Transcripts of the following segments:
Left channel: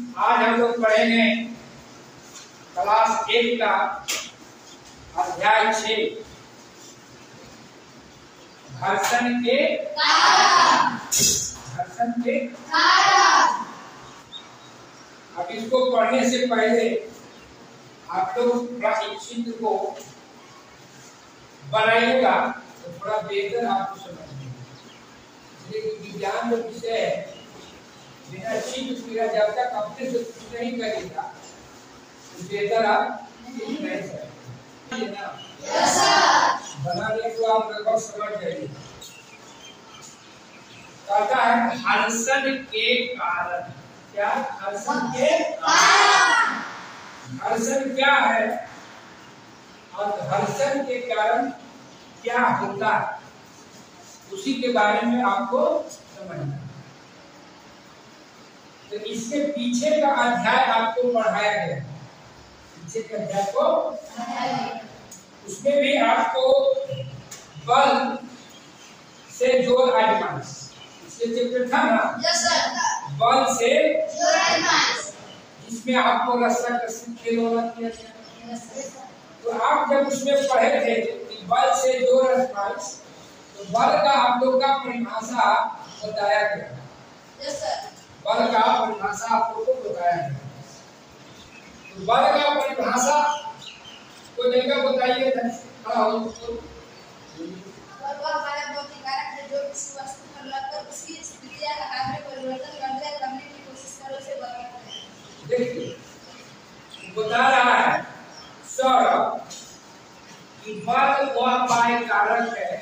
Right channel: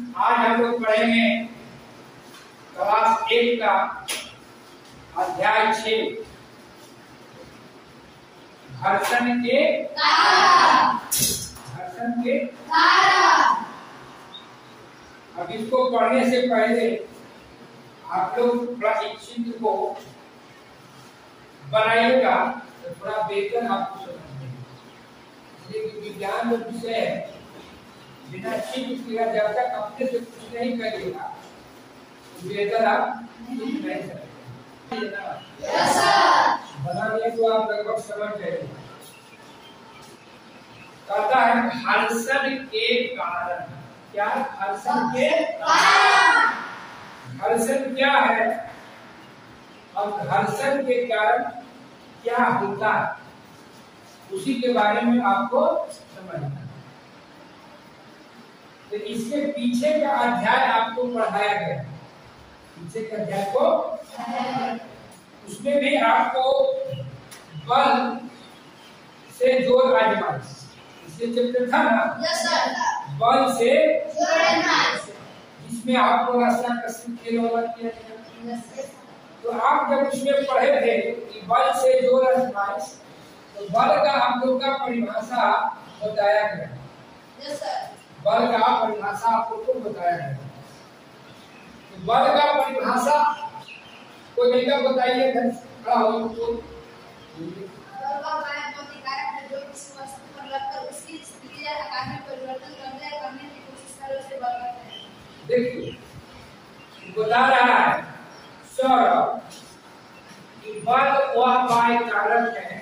आज हम लोग पढ़ेंगे क्लास 1 का अध्याय 6 घर्षण के कारण। अब इसको पढ़ने से पहले आप लोग थोड़ा इस चित्र को बनाइएगा तो थोड़ा बेहतर आपको समझ में, इसलिए विज्ञान जो विषय है बिना चित्र किया जब तक अपने से कुछ नहीं करिएगा तो बेहतर आप नहीं सकते। बनाने को आप लगभग समझ जाइए। कहता है घर्षण के कारण। क्या घर्षण के कारण? घर्षण क्या है और घर्षण के कारण क्या होता है, उसी के बारे में आपको समझना। तो इसके पीछे का अध्याय आपको पढ़ाया गया, पीछे के अध्याय को उसमें भी आपको बल से जोड़ आजमाइश, इससे चैप्टर था ना। Yes sir. बल से जिसमें आपको रास्ता कसित खेल वाला किया गया। तो आप जब उसमें पढ़े थे कि बल से जोड़ आजमाइश, तो बल का आप लोग का परिभाषा बताया गया। Yes sir. बल का परिभाषा आप लोग को बताया गया। तो बल का परिभाषा कोई नहीं का बताइए, खड़ा हो उसको। देखिए बता रहा है सौरभ कि बल वह बाह्य कारक है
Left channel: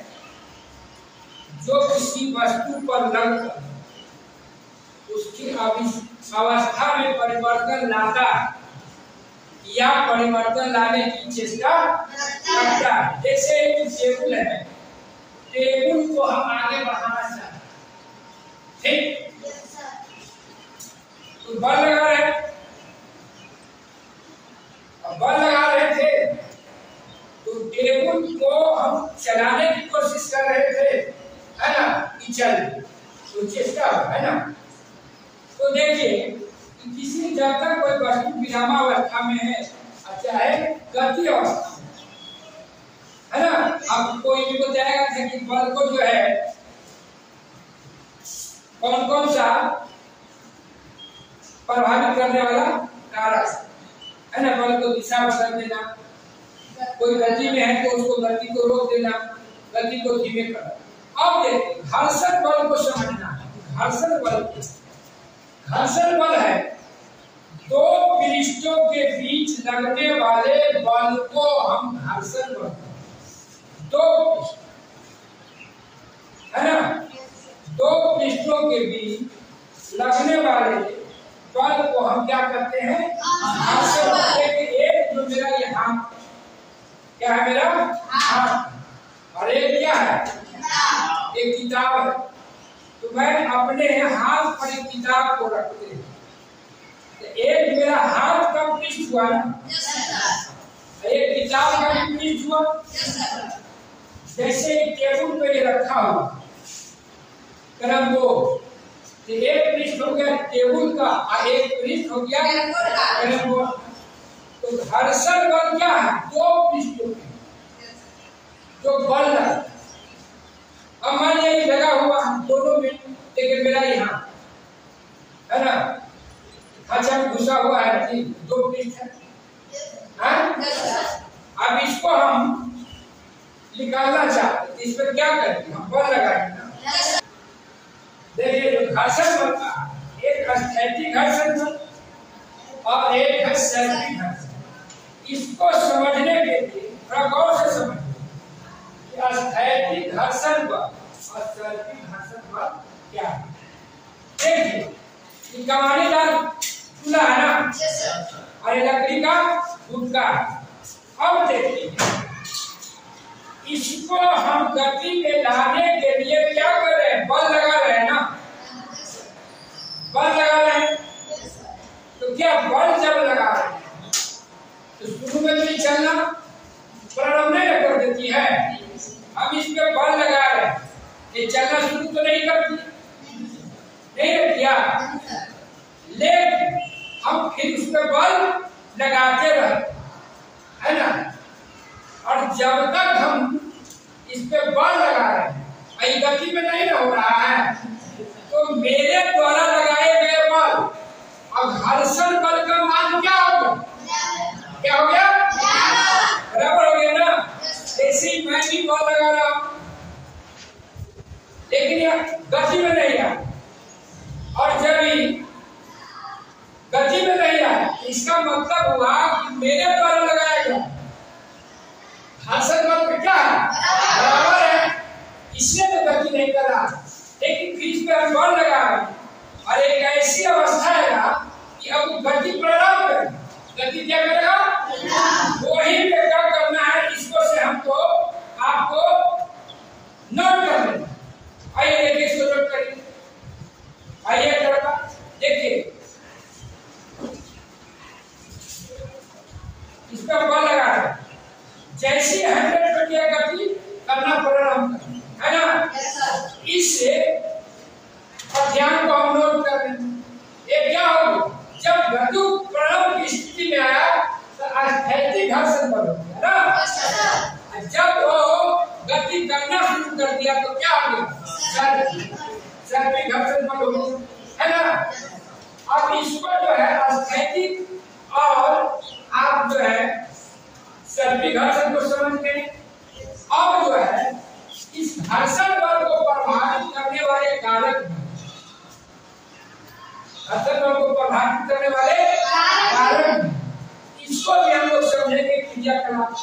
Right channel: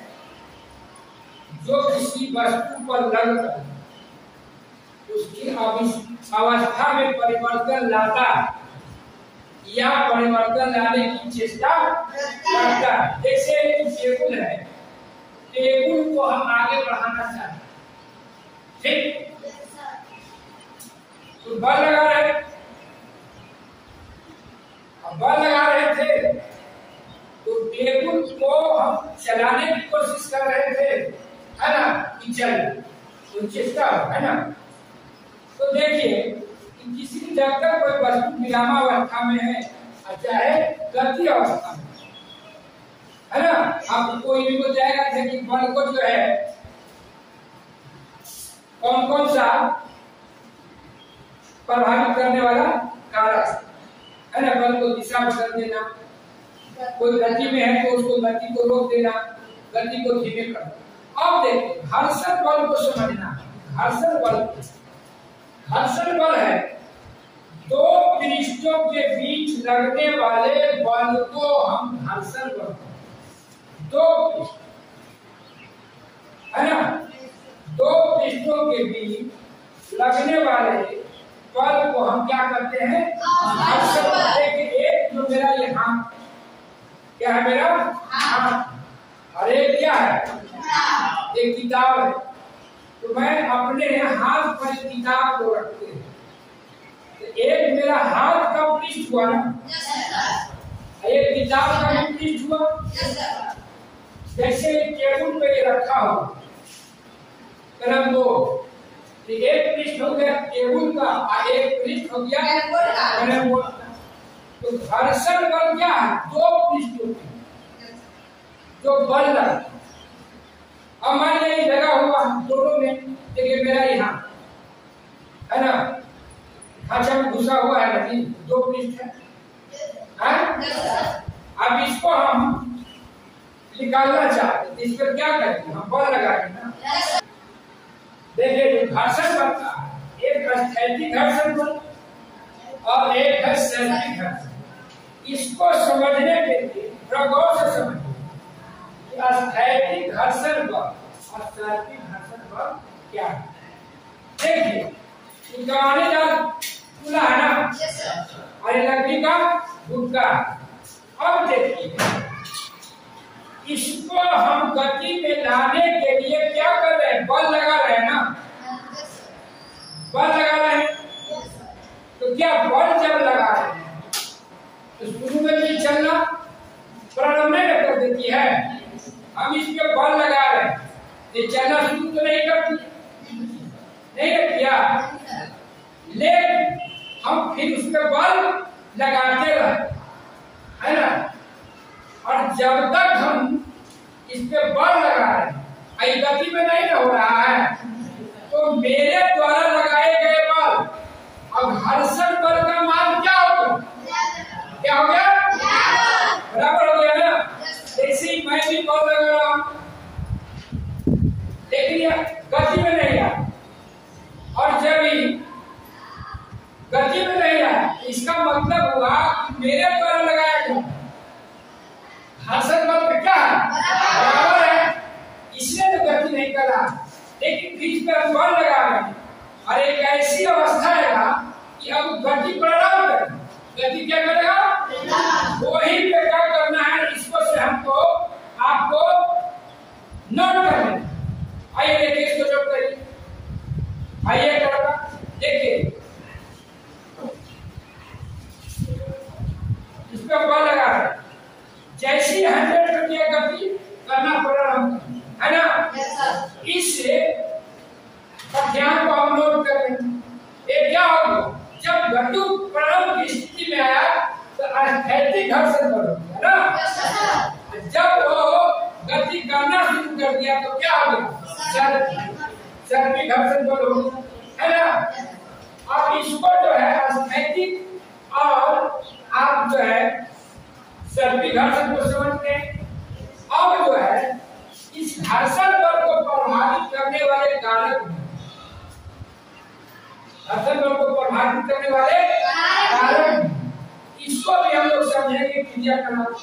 जो किसी वस्तु पर लगकर उसकी अवस्था में परिवर्तन लाता है या परिवर्तन लाने की चेष्टा करता है। जैसे टेबुल है, टेबुल को हम आगे बढ़ाना चाहते हैं, ठीक? तो बल लगा रहे, अब बल लगा रहे थे तो टेबुल को हम चलाने की कोशिश कर रहे थे, है ना, कि चल तो चेष्टा है ना। तो देखिए किसी जब तक कोई वस्तु विरामावस्था में है, चाहे गति अवस्था में, है ना। अब कोई भी बताएगा कि बल को जो है कौन कौन सा प्रभावित करने वाला कारक है ना। बल को दिशा बदल देना, कोई गति में है तो उसको गति को रोक देना, गति को धीमे करना। अब देखिए घर्षण बल को समझना। घर्षण बल है दो पृष्ठों के बीच लगने वाले बल को हम घर्षण बल, दो पृष्ठ है ना, दो पृष्ठों के बीच लगने वाले बल को हम क्या करते हैं, घर्षण बल। देखिए एक जो मेरा ये हाथ, क्या है मेरा हाथ, और एक क्या है, एक किताब है। तो मैं अपने हाथ पर किताब को रखते हैं, तो एक मेरा हाथ का पृष्ठ हुआ ना, एक किताब का भी पृष्ठ हुआ। जैसे टेबुल पे रखा हुआ कलम दो, तो एक पृष्ठ हो गया टेबुल का और एक पृष्ठ हो गया कलम दो। तो घर्षण बल क्या है, दो पृष्ठों में जो बल लगा। अब मान लीजिए लगा हुआ दोनों में, देखिए मेरा यहाँ है ना, खांचा में घुसा हुआ है ना, दो पृष्ठ है। अब इसको हम निकालना चाहते हैं, इस पर क्या करेंगे, हम बल लगाएंगे ना। देखिए जो घर्षण बल का एक स्थैतिक घर्षण बल और एक है स्थैतिक घर्षण। इसको समझने के लिए थोड़ा गौर से समझिए कि स्थैतिक घर्षण बल और स्थैतिक घर्षण बल क्या है। देखिए ये कमानेदार चूल्हा है ना, और ये लकड़ी का गुटका। अब देखिए इसको हम गति में लाने के लिए क्या कर रहे हैं, बल लगा रहे हैं ना, बल लगा रहे हैं। तो क्या बल जब लगा रहे हैं तो शुरू में भी चलना प्रारंभ नहीं कर देती है। हम इस पे बल लगा रहे हैं, ये चलना शुरू तो नहीं करती, नहीं किया, लेकिन हम फिर उस पर बल लगाते रहे, है ना। और जब तक हम इस पे बल लगा रहे हैं, गति में नहीं हो रहा है, तो मेरे द्वारा लगाए गए बल अब घर्षण बल का मान क्या हो गया? क्या हो गया? बराबर हो गया ना। ऐसे ही मैं भी बल लगा रहा हूं, लेकिन यह गति में नहीं आया, और जब ही गति में नहीं आया, इसका मतलब हुआ कि मेरे द्वारा लगाया गया घर्षण बल क्या है? बराबर है, इसलिए तो गति नहीं कर रहा। लेकिन फिर इस पर हम बल लगा रहे हैं, और एक ऐसी अवस्था है कि अब गति प्रारंभ करें। गति क्या करेगा? वही पे क्या करना है, इसको से हमको आपको नोट कर लेना। आइए देखिए, इसको नोट करिए। आइए लड़का देखिए, इस पर बल लगा है, जैसी 100 पे क्या गति करना प्रारंभ है ना। इससे ध्यान को हम नोट कर रहे हैं। ये क्या होगा? जब गति प्रारंभ की स्थिति में आया तो स्थैतिक घर्षण बल हो गया ना। जब वो गति करना शुरू कर दिया तो क्या हो गया? सर्पिक घर्षण बल हो गया, है ना। अब इसको जो है स्थैतिक और आप जो है सर्पिक घर्षण को समझते हैं। अब जो है इस घर्षण बल को प्रभावित करने वाले कारक, घर्षण बल को प्रभावित करने वाले कारक, इसको भी हम लोग समझेंगे क्रियाकलाप,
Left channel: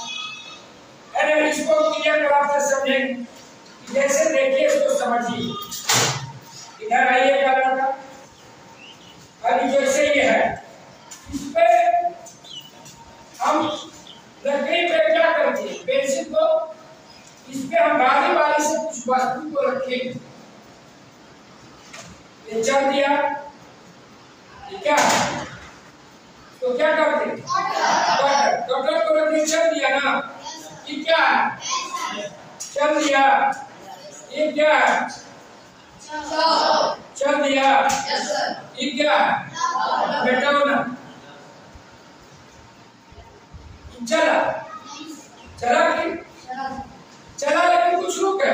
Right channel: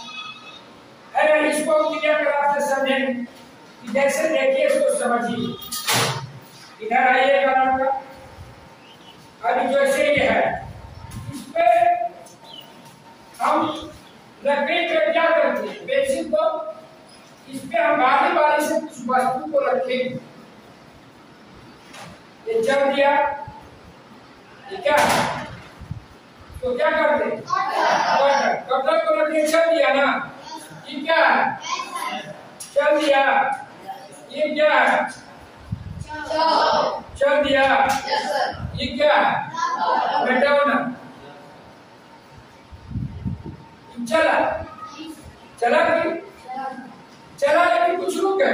है ना। इसको क्रियाकलाप से समझेंगे। जैसे देखिए, इसको समझिए, इधर आइए का अभी जैसे ये है, इस पे हम लकड़ी पे क्या करते हैं, पेंसिल को इस पे हम बारी से कुछ वस्तु को रखेंगे। ये चल दिया, ये क्या है? तो क्या करते हैं? कटर को रखिए, चल दिया ना। ये क्या है? चल दिया। ये क्या है? चल दिया। ये क्या है? बैठाओ ना। चला चला कि चला, लेकिन कुछ रुक है,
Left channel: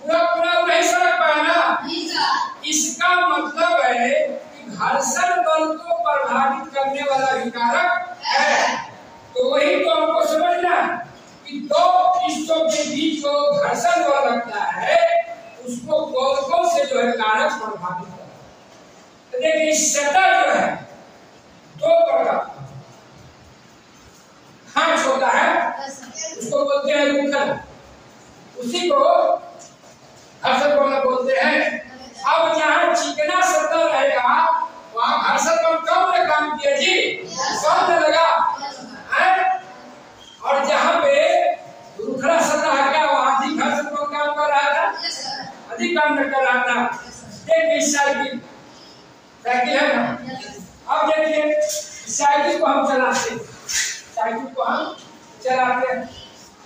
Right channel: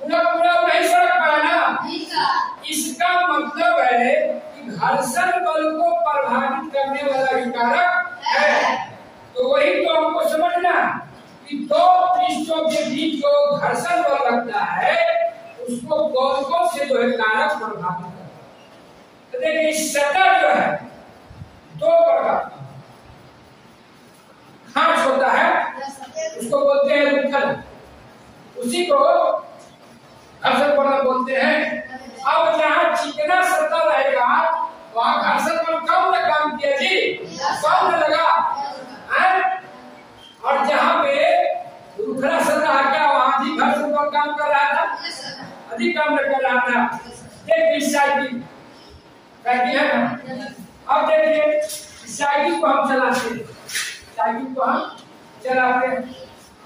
पूरा पूरा नहीं सड़क पाया ना। इसका मतलब है कि घर्षण बल को प्रभावित करने वाला कारक है। तो वही तो हमको समझना कि दो पृष्ठों के बीच जो घर्षण बल लगता है, उसको कौन से जो है कारक प्रभावित करता है। तो देखिए, इस सतह जो है दो प्रकार खांच होता है, उसको बोलते हैं रुखल, उसी को घर्षण बल बोलते हैं। अब जहाँ चिकना सतह रहेगा वहाँ घर्षण बल कम ने काम किया जी, कम ने लगा है। और जहाँ पे रुखला सतह क्या, वहाँ अधिक घर्षण बल काम कर रहा था, अधिक काम न कर रहा था। देखिए साइकिल है ना। अब देखिए, साइकिल को हम चलाते हैं, साइकिल को हम चलाते हैं।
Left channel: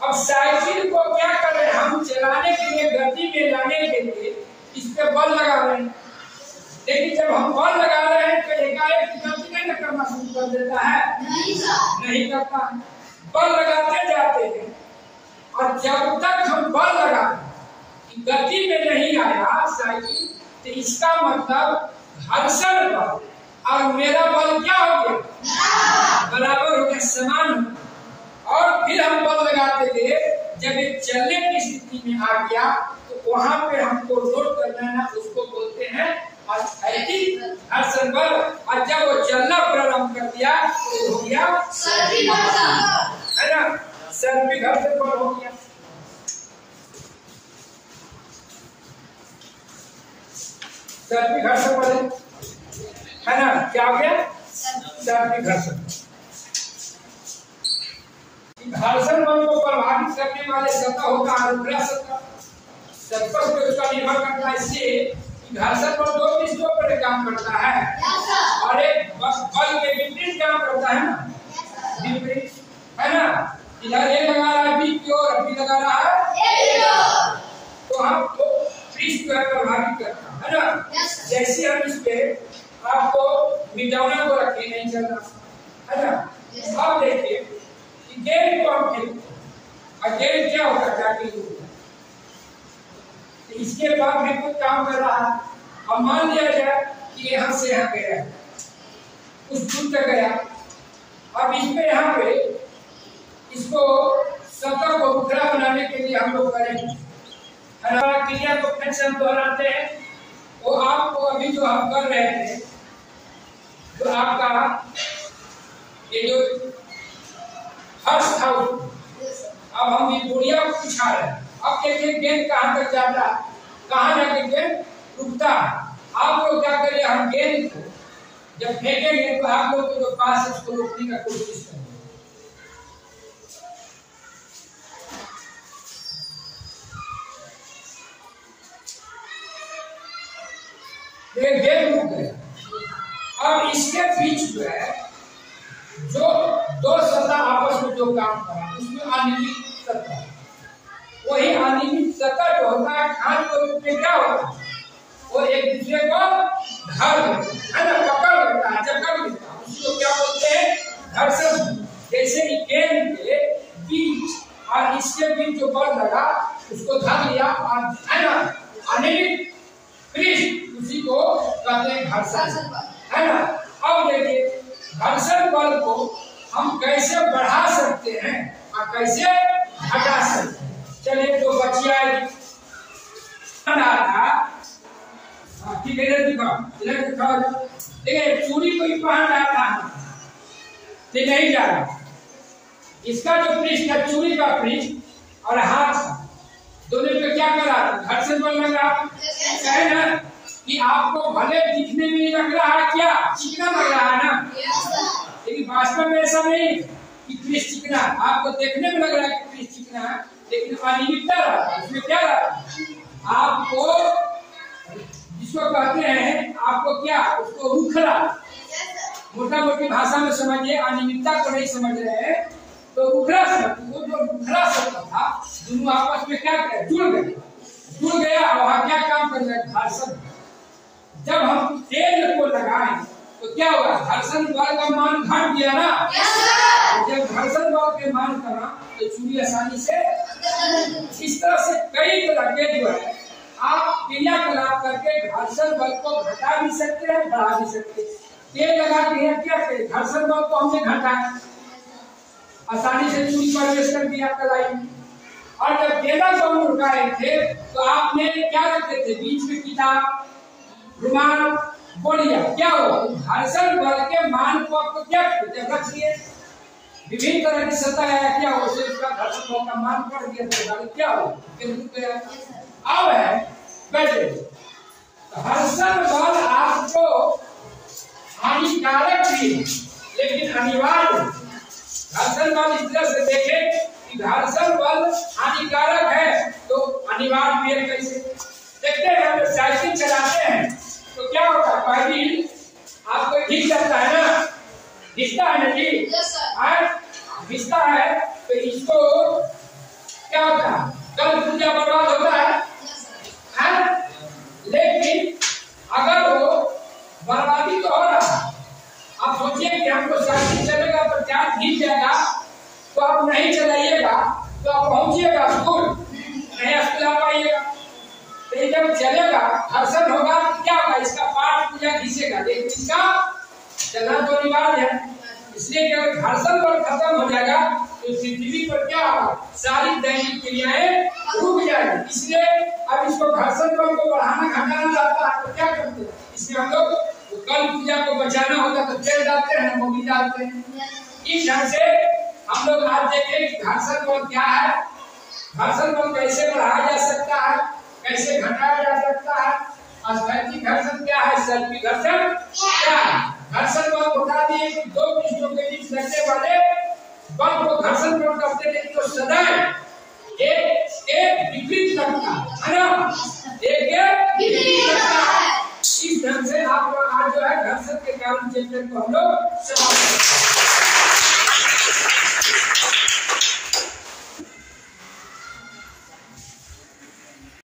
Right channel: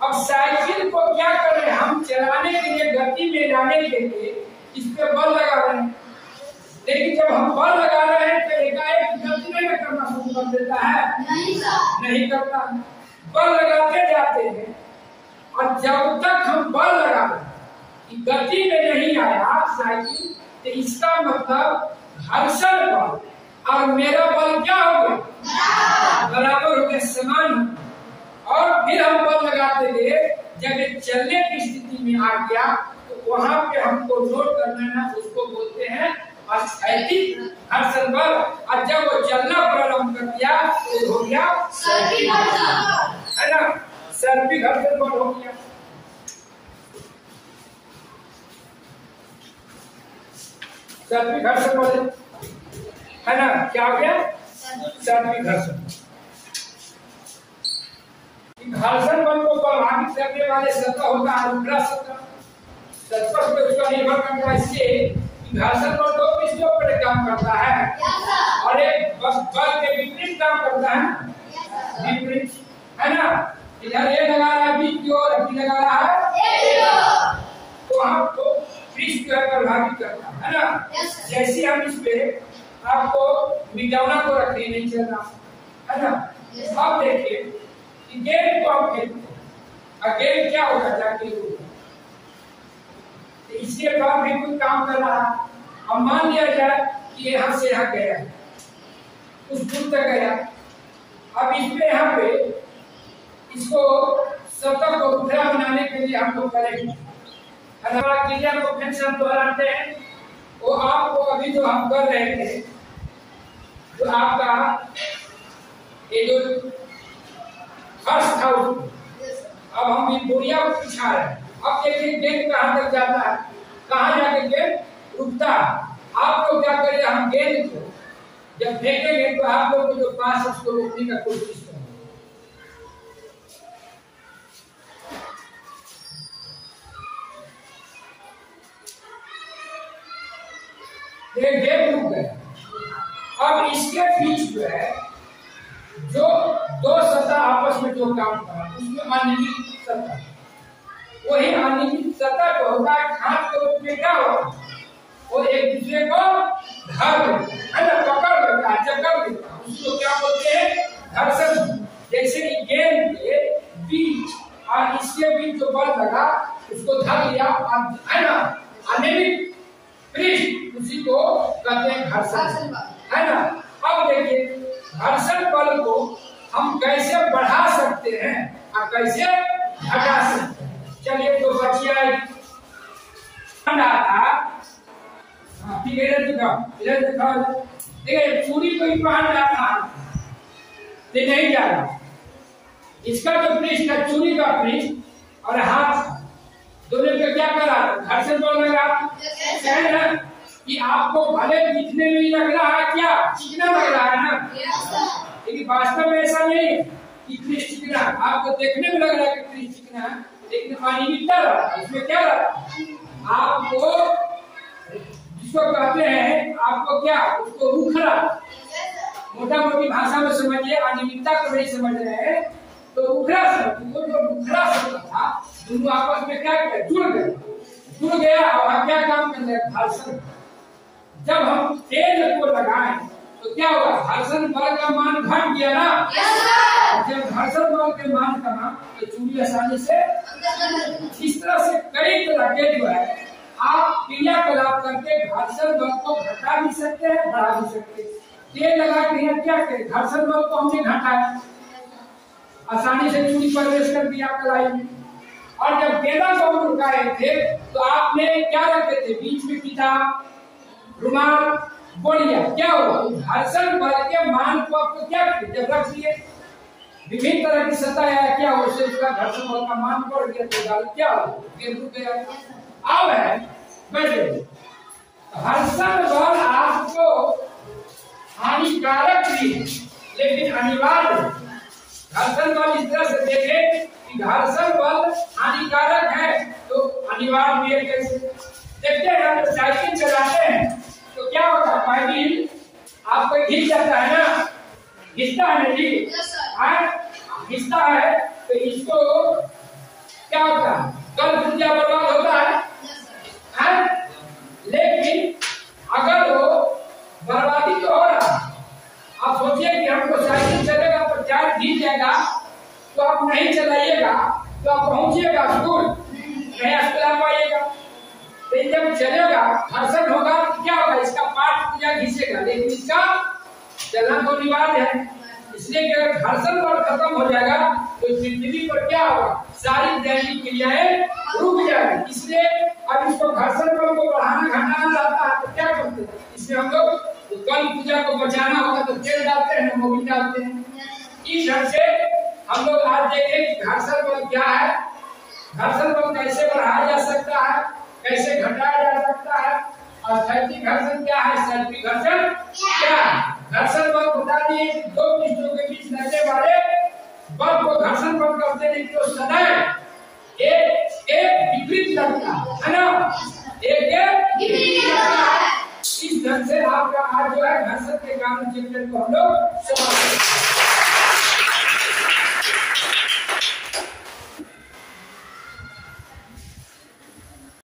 अब साइकिल को क्या कर रहे हैं, हम चलाने के लिए, गति में लाने के लिए इस पे बल लगा रहे हैं। लेकिन जब हम बल लगा रहे हैं तो एकाएक गति नहीं करना शुरू कर देता है, नहीं करता। बल लगाते जाते हैं, और जब तक हम बल लगा गति में नहीं आया साइकिल, तो इसका मतलब घर्षण बल और मेरा बल क्या हो गया? बराबर हो गया, समान। और फिर हम बल लगाते गए, जब ये चलने की स्थिति में आ गया तो वहां पे हमको नोट करना है ना, उसको बोलते हैं स्थैतिक घर्षण बल। और जब वो चलना प्रारंभ कर दिया तो हो गया सर्पिक घर्षण, है ना। सर्पिक घर्षण बल हो गया। सर्पिक घर्षण बल है ना, क्या हो गया? सर्पिक घर्षण। घर्षण बल को प्रभावित करने वाले सतह होता है रुखला सतह, सरफेस पे उसका निर्भर करता है। इससे घर्षण बल दो पृष्ठों पर काम करता है, और एक बल के विपरीत काम करता है ना, विपरीत, है ना। इधर ये लगा रहा है बी की ओर, बी लगा रहा है ए की ओर, तो हम तो पृष्ठ जो है प्रभावित करता है ना। जैसे हम इस पे आपको मिटाना को रखने नहीं चल रहा है ना। अब देखिए कि गेंद को हम खेलते हैं, गेंद क्या होता है जाके होता है, तो इसके बाद भी कोई काम कर रहा है। अब मान लिया जाए कि यहाँ से यहाँ गया, उस दूर तक गया, अब इसमें यहाँ पे इसको सतह को उखड़ा बनाने के लिए हम लोग करेंगे, क्रिया को फिर से हम दोहराते हैं। वो आपको अभी जो हम कर रहे थे, तो आपका ये जो हर्ष था, अब हम ये बुढ़िया को पिछा रहे हैं। अब देखिए गेंद कहाँ तक जाता है, कहाँ जाके गेंद रुकता है। आप लोग क्या करिए, हम गेंद को जब फेंकेंगे तो आप लोग को जो पास है उसको रोकने का कोशिश करेंगे। गेंद रुक गया। अब इसके बीच जो है, जो दो सतह आपस में जो काम करा उसमें अनियमित सतह, वही अनियमित सतह जो होता है खाद के रूप में क्या होता है, वो एक दूसरे को धर देता है ना, पकड़ लेता है, जकड़ लेता है, उसको क्या बोलते हैं, घर्षण। जैसे गेंद के बीच और इसके बीच जो बल लगा उसको धर लिया और है ना अनियमित पृष्ठ, उसी को कहते हैं घर्षण, है ना। अब देखिए घर्षण बल को हम कैसे बढ़ा सकते हैं और कैसे घटा सकते हैं। चलिए तो बचिया था, ठीक है, इधर दिखाओ, देखिए चूड़ी को ही पहन रहा था, तो नहीं जा रहा। इसका जो पृष्ठ है, चूड़ी का पृष्ठ और हाथ दोनों पे क्या करा, घर्षण बल लगा है ना, कि आपको भले दिखने में ही लग रहा है क्या चिकना लग रहा है ना, लेकिन वास्तव में ऐसा नहीं कि पृष्ठ चिकना, आपको देखने में लग रहा है कि पृष्ठ चिकना है, लेकिन अनियमितता रहा, उसमें क्या रहा, आपको जिसको कहते हैं, आपको क्या, उसको रुखरा, मोटा मोटी भाषा में समझिए, अनियमितता को नहीं समझ रहे हैं तो रुखरा शब्द, वो जो रुखरा शब्द था, दोनों आपस में क्या किया, जुड़ गया और वहां क्या काम कर रहा है, घर्षण। जब हम तेल को लगाएं तो क्या होगा, घर्षण बल का मान घट गया ना, जब घर्षण बल के मान कमा तो चूड़ी आसानी से। इस तरह से कई तरह के जो है आप क्रियाकलाप करके घर्षण बल को घटा भी सकते हैं, बढ़ा भी सकते हैं। तेल लगा के यहाँ क्या करें, घर्षण बल को हमने घटाया, आसानी से चूड़ी प्रवेश कर दिया कलाई में। और जब गेंदा को हम रुकाए थे तो आपने क्या रखते थे, बीच में किताब, रुमाल, बोलिया, क्या हुआ, घर्षण बल के मान को आपको क्या जब रख दिए, विभिन्न तरह की सतह है, क्या हो उससे उसका घर्षण बल का मान बढ़ गया, तो क्या हो रुक गया। अब है बैठे, घर्षण बल आपको हानिकारक भी लेकिन अनिवार्य। घर्षण बल इस तरह से देखें कि घर्षण बल हानिकारक है तो अनिवार्य भी है। कैसे देखते हैं, हम साइकिल चलाते हैं तो क्या होता है, पैडल आपको घिस जाता है ना, घिसता है ना जी, घिसता है तो इसको क्या होता है, कल पुर्जा बर्बाद होता है, लेकिन अगर वो बर्बादी तो हो रहा, आप सोचिए कि हमको साइकिल चलेगा पर चार्ज घिस जाएगा तो आप नहीं चलाइएगा तो आप पहुंचिएगा स्कूल, नहीं स्कूल आ पाइएगा। तो जब चलेगा घर्षण होगा तो क्या होगा, इसका पार्ट पूरा घिसेगा, लेकिन इसका चलना तो अनिवार्य है। इसलिए कि अगर घर्षण बल खत्म हो जाएगा तो पृथ्वी पर क्या होगा, सारी दैनिक क्रियाएं रुक जाएगी। इसलिए अब इसको घर्षण बल को बढ़ाना घटाना चाहता है तो क्या करते हैं, इसमें हम लोग तो कल पूजा को बचाना होगा तो तेल डालते हैं, मोबिल डालते हैं। इस ढंग से हम लोग आज देखें कि घर्षण बल क्या है, घर्षण बल कैसे बढ़ाया जा सकता है, कैसे घटाया जा सकता है, स्थैतिक घर्षण क्या है, सैद्धांतिक घर्षण क्या है। घर्षण बल बता दिए कि दो पृष्ठों के बीच लगने वाले बल को घर्षण बल कहते हैं, तो सदैव एक विपरीत लगता है ना, एक विपरीत लगता है। इस ढंग से आपका आज जो है घर्षण के कारण चैप्टर को हम लोग समाप्त